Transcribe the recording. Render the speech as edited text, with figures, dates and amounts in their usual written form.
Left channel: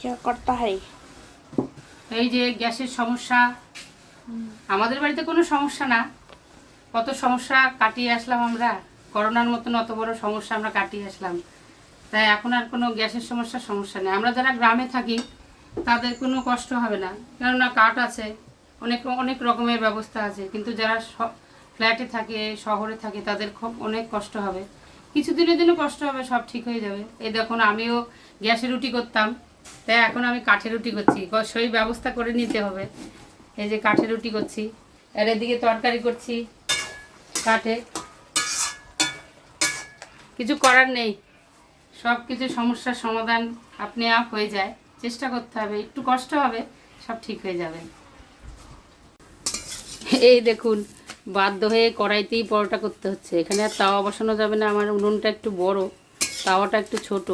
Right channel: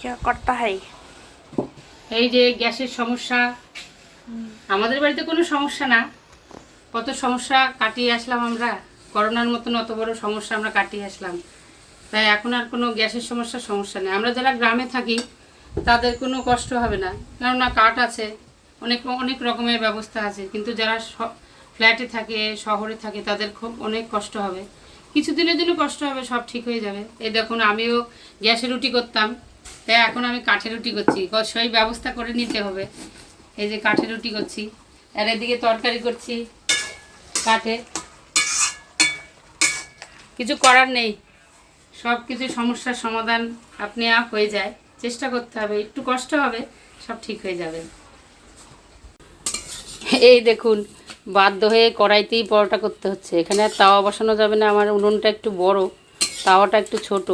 क्या करता है? এই যে গ্যাসের সমস্যা, আমাদের বাড়িতে কোনো সমস্যা না, কত সমস্যা কাটিয়ে আসলাম আমরা। করোনার মতন অত বড় সমস্যা আমরা কাটিয়ে আসলাম, তাই এখন আর কোনো গ্যাসের সমস্যা নেই। আমরা যারা গ্রামে থাকি তাদের কোনো কষ্ট হবে না, কেননা কাঠ আছে, অনেক অনেক রকমের ব্যবস্থা আছে। কিন্তু যারা ফ্ল্যাটে থাকে, শহরে থাকে, তাদের খুব অনেক কষ্ট হবে। কিছুদিনের জন্য কষ্ট হবে, সব ঠিক হয়ে যাবে। এই দেখুন, আমিও গ্যাসে রুটি করতাম, তাই এখন আমি কাঠে রুটি করছি। সেই ব্যবস্থা করে নিতে হবে। এই যে কাঠে রুটি করছি, আর এদিকে তরকারি করছি কাঠে। কিছু করার নেই, সব কিছু সমস্যার সমাধান আপনি আপ হয়ে যায়। চেষ্টা করতে হবে, একটু কষ্ট হবে, সব ঠিক হয়ে যাবে। এই দেখুন, বাধ্য হয়ে কড়াইতেই পরোটা করতে হচ্ছে। এখানে আর তাওয়া বসানো যাবে না, আমার উনুনটা একটু বড়, তাওয়াটা একটু ছোট।